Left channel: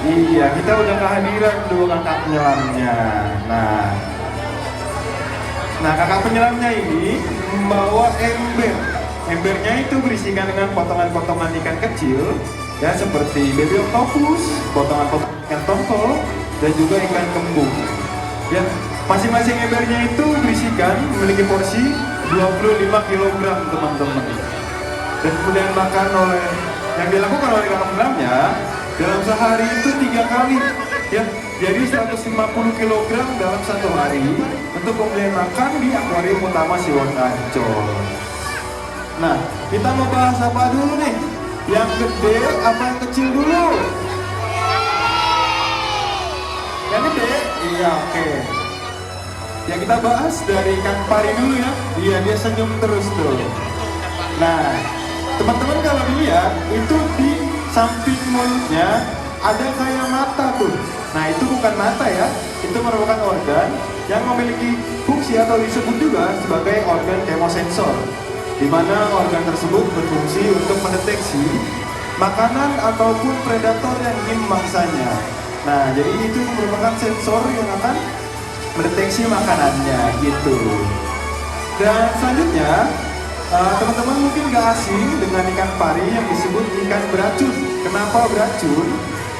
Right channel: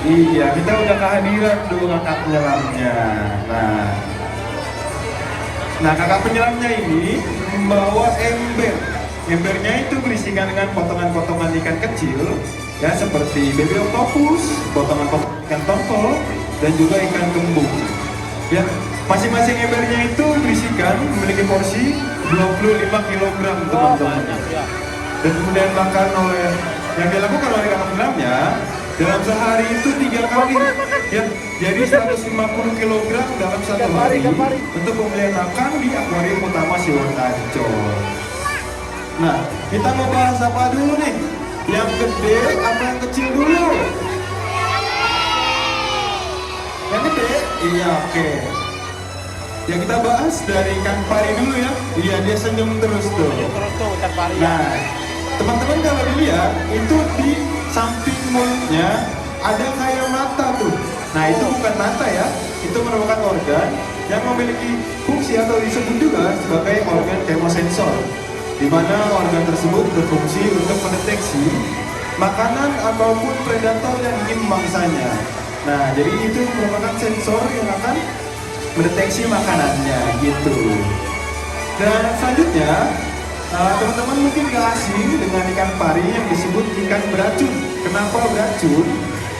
Iya, kita udah kehadiran dua kakak penyelamnya. Nah, nah kakak penyelamnya ini membawa ember. Embernya itu berisikan dengan potongan-potongan ikan kecil, ya seperti baby octopus, potongan-potongan ikan tongkol, dan juga ikan kembung. Ya, masing-masing embernya itu berisikan memiliki porsi 25 kg teman-teman. Dan kemudian makan oleh yang dilakukan oleh kakak penyelamnya dalam sehari itu 3 kali, ya, jadi 150 kg dalam satu hari untuk kemudian makan di akuarium utama Siwon Ancol. Nah, kita mau bahas apa dulu nih? Yang gede apa yang kecil dulu? Yang gede? Iya, oke. Yang kita bahas dari ikan pari dulu ya. Iya, dia senyum terus tuh. Nah, teman-teman kalau dilihat itu di samping mulutnya ada kayak mata tuh. Nah, itu bukan mata ya, itu merupakan organ yang memiliki fungsi atau disebut juga sebagai organ kemosensor, di mana organ tersebut berfungsi untuk mendeteksi makanan ataupun predator yang ingin memangsanya. Nah, jadi itu merupakan sensor yang akan mendeteksi makanannya gitu. Dan selanjutnya, teman-teman mungkin gak asing dengan ikan pari yang disebut ikan beracun. Kenapa beracun?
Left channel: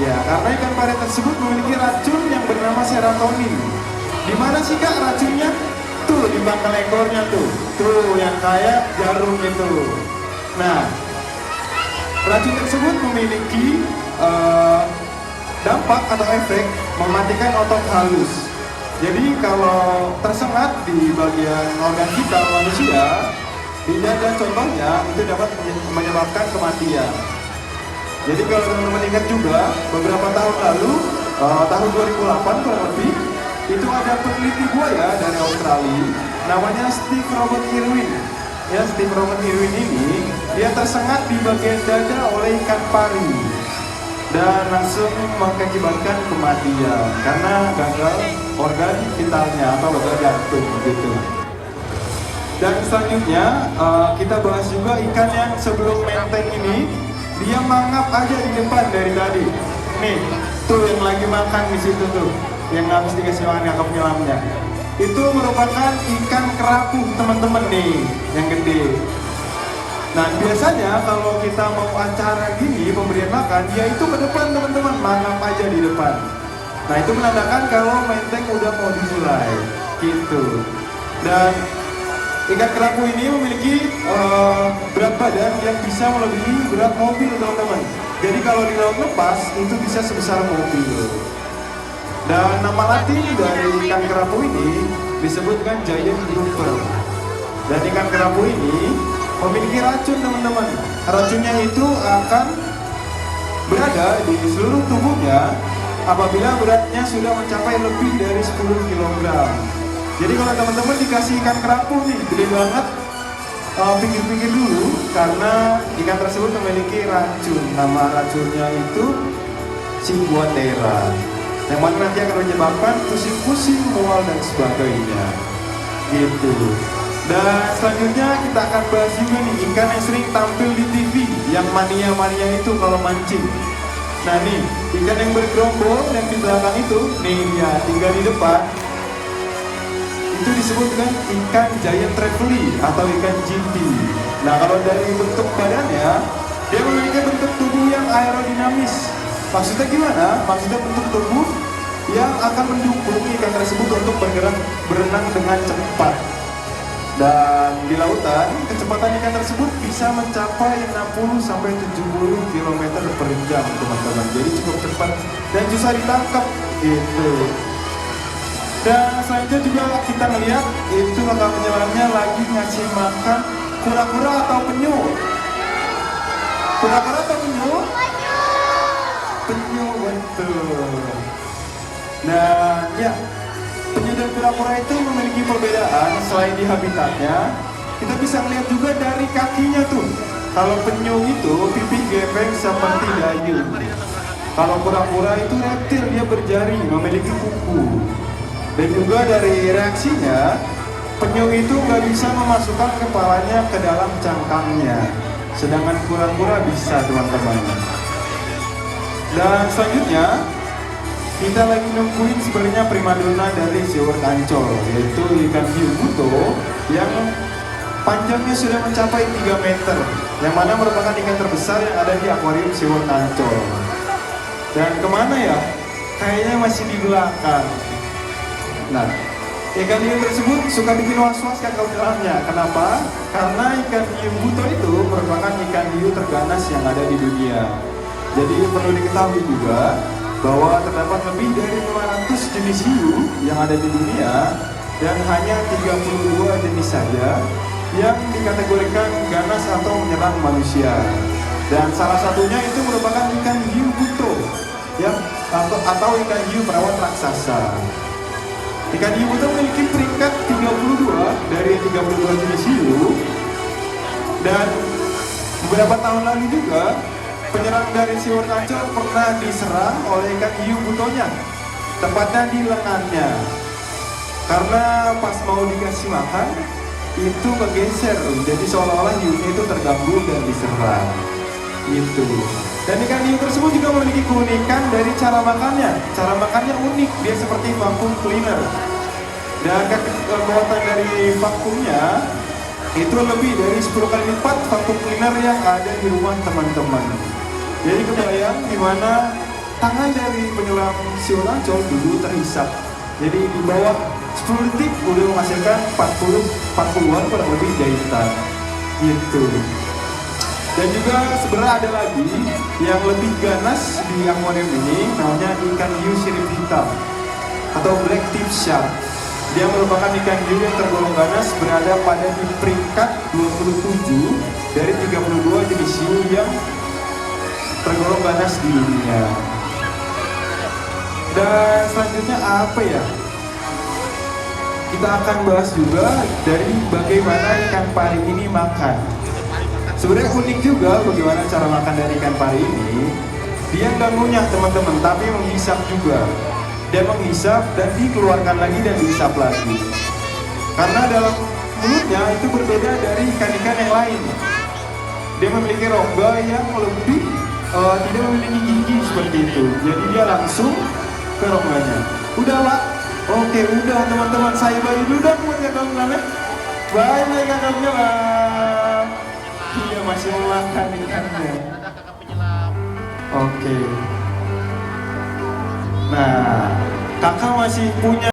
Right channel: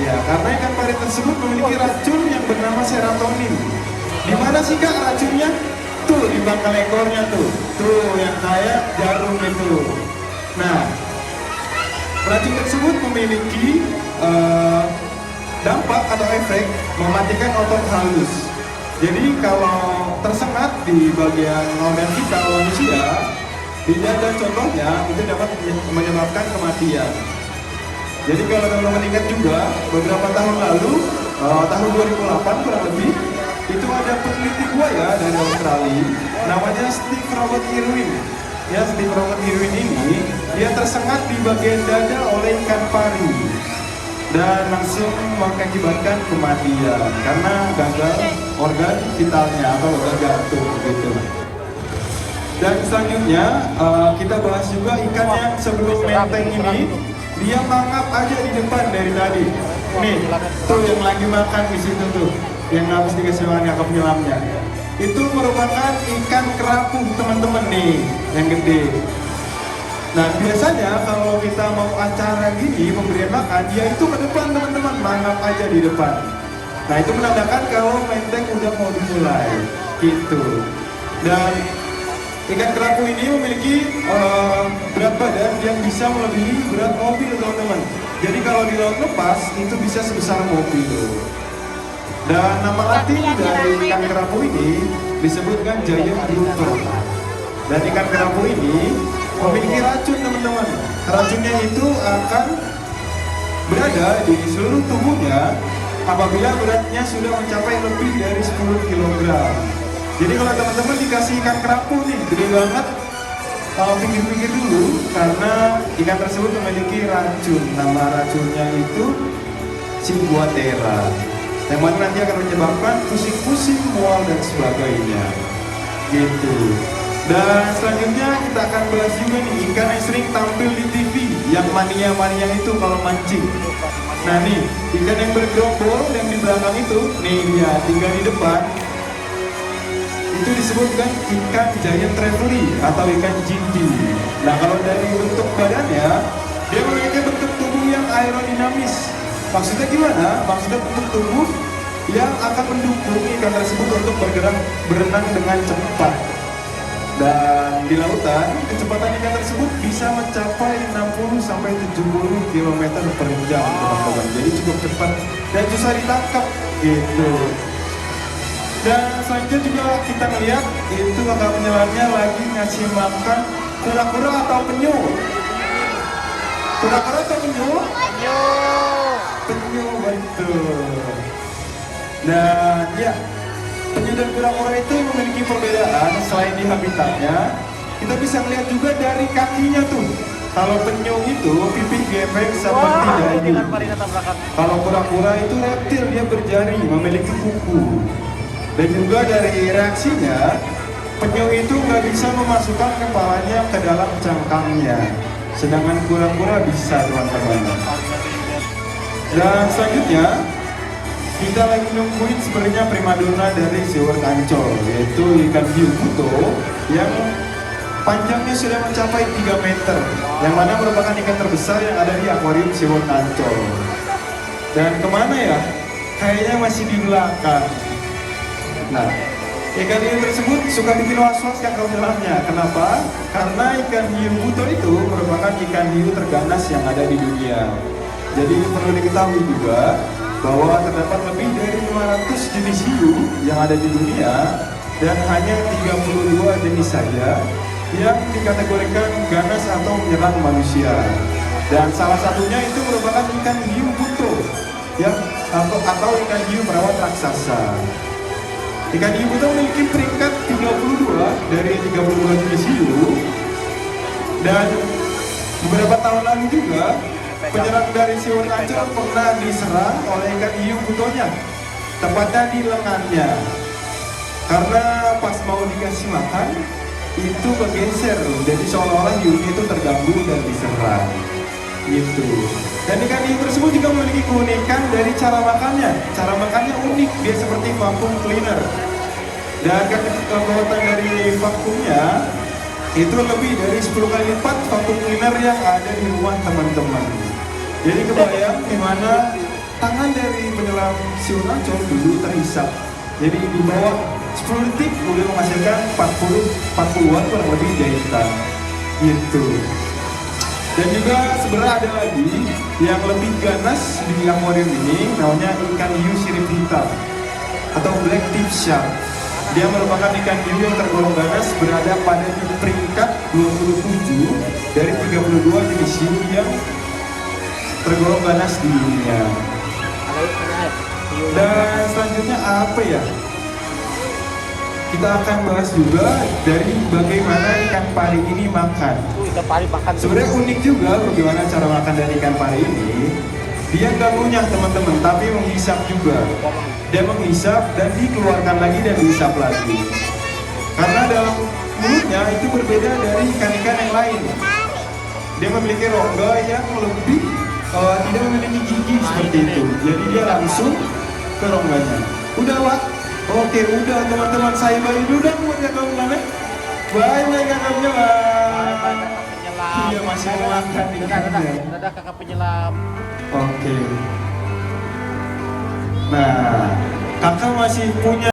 Ya, karena ikan pari tersebut memiliki racun yang bernama serotonin. Di mana sih kak racunnya? Tuh di belakang ekornya tuh yang kayak jarum itu. Nah, racun tersebut memiliki dampak atau efek mematikan otot halus. Jadi kalau tersengat di bagian organ kita manusia, di dada contohnya itu dapat menyebabkan kematian. Jadi kalau teman-teman ingat juga beberapa tahun lalu, tahun 2008 kurang lebih, itu ada peneliti buaya dari Australia namanya Steve Robert Irwin. Ya, Steve Robert Irwin ini dia tersengat di bagian dada oleh ikan pari dan langsung mengakibatkan kematian karena gagal organ vitalnya atau organ jantung gitu. Dan selanjutnya kita bahas juga ikan yang sebelum maintain ini dia mangap aja di depan dari tadi. Nih, tuh yang lagi makan di situ tuh, yang harus dikasih makan ke penyelamnya. Itu merupakan ikan kerapu teman-teman nih, yang gede. Nah biasanya kalau kita mau acara gini pemberian makan, dia itu ke depan teman-teman, mangap aja di depan. Nah itu menandakan kalau maintain udah mau dimulai, gitu. Dan ikan kerapu ini memiliki berat badan yang bisa melebihi berat mobil teman-teman. Jadi kalau di laut lepas itu bisa sebesar mobil. Dan nama arti dari ikan kerapu ini disebutkan giant grouper. Dan ikan kerapu ini memiliki racun teman-teman. Racunnya itu akan berada di seluruh tubuhnya apabila beratnya sudah mencapai lebih dari 10 kg. Jadi kalau teman-teman dikasih ikan kerapu nih, gede banget, kalau pikir-pikir dulu, karena ikan tersebut memiliki racun. Nama racunnya itu Ciguatera, yang mana nanti akan menyebabkan pusing-pusing, mual dan sebagainya. Gitu. Dan selanjutnya kita akan bahas juga nih ikan yang sering tampil di TV, yang mania-mania itu kalau mancing. Nah nih, ikan yang bergerombol yang di belakang itu, nih dia tinggal di depan. Itu disebutkan ikan giant trevally atau ikan jinti. Nah kalau dari bentuk badannya, dia memiliki bentuk tubuh yang aerodinamis. Maksudnya gimana? Maksudnya bentuk tubuh yang akan mendukung ikan tersebut untuk bergerak berenang dengan cepat. Dan di lautan, kecepatan ikan tersebut bisa mencapai 60-70 km per jam teman-teman. Jadi cukup cepat dan susah ditangkap gitu. Dan selanjutnya juga kita melihat itu kakak penyelamnya lagi ngasih makan kura-kura atau penyu. Kura-kura atau penyu? Penyu, betul. Dan ya, penyu dan kura-kura itu memiliki perbedaan selain di habitatnya. Kita bisa lihat juga dari kakinya tuh. Kalau penyu itu pipih gepeng seperti dayu. Kalau kura-kura itu reptil, dia berjari, memiliki kuku. Dan juga dari reaksinya, penyu itu nggak bisa memasukkan kepalanya ke dalam cangkangnya, sedangkan kura-kura bisa teman-teman. Dan selanjutnya kita lagi nungguin sebenarnya primadona dari SeaWorld Ancol, yaitu ikan hiu buto yang panjangnya sudah mencapai 3 meter, yang mana merupakan ikan terbesar yang ada di akuarium SeaWorld Ancol. Dan kemana ya? Kayaknya masih di belakang. Nah, ikan hiu tersebut suka bikin was-was kan kalau dalamnya. Kenapa? Karena ikan hiu buto itu merupakan ikan hiu terganas yang ada di dunia. Jadi perlu diketahui juga bahwa terdapat lebih dari 500 jenis hiu yang ada di dunia dan hanya 32 jenis saja yang dikategorikan ganas atau menyerang manusia. Dan salah satunya itu merupakan ikan hiu buto ya, atau ikan hiu perawat raksasa. Ikan hiu buto memiliki peringkat 32 dari 32 jenis hiu, dan beberapa tahun lalu juga penyerang dari SeaWorld Ancol pernah diserang oleh ikan hiu butonya, tepatnya di lengannya. Karena pas mau dikasih makan, itu bergeser, jadi seolah-olah hiunya itu terganggu dan diserang. Gitu. Dan ikan hiu tersebut juga memiliki keunikan dari cara makannya. Cara makannya unik, dia seperti vacuum cleaner. Dan kekuatan dari vakumnya itu lebih dari 10 kali lipat vacuum cleaner yang ada di rumah teman-teman. Jadi kebayang dimana tangan dari penyelam SeaWorld Ancol dulu terhisap. Jadi di dalam 10 detik udah menghasilkan 40-an kurang lebih jahitan. Gitu. Dan juga sebenarnya ada lagi yang lebih ganas di akuarium ini, namanya ikan hiu sirip hitam atau black tip shark. Dia merupakan ikan hiu yang tergolong ganas, berada pada di peringkat 27 dari 32 jenis hiu yang tergolong ganas di dunia. Dan selanjutnya apa ya? Kita akan bahas juga dari bagaimana ikan pari ini makan. Sebenarnya unik juga bagaimana cara makan dari ikan pari ini. Dia nggak ngunyah teman-teman, tapi menghisap juga. Dia menghisap dan dikeluarkan lagi dan dihisap lagi. Karena dalam mulutnya itu berbeda dari ikan-ikan yang lain. Dia memiliki rongga yang lebih tidak memiliki gigi seperti itu. Jadi dia langsung ke rongganya. Udahlah, oke, udah teman-teman, saya balik dulu dong ya kawan-kawan. Banyak kakaknya lah. Iya, masih mau makan ikannya. Ada kakak penyelam. Oke. Nah, kakak masih punya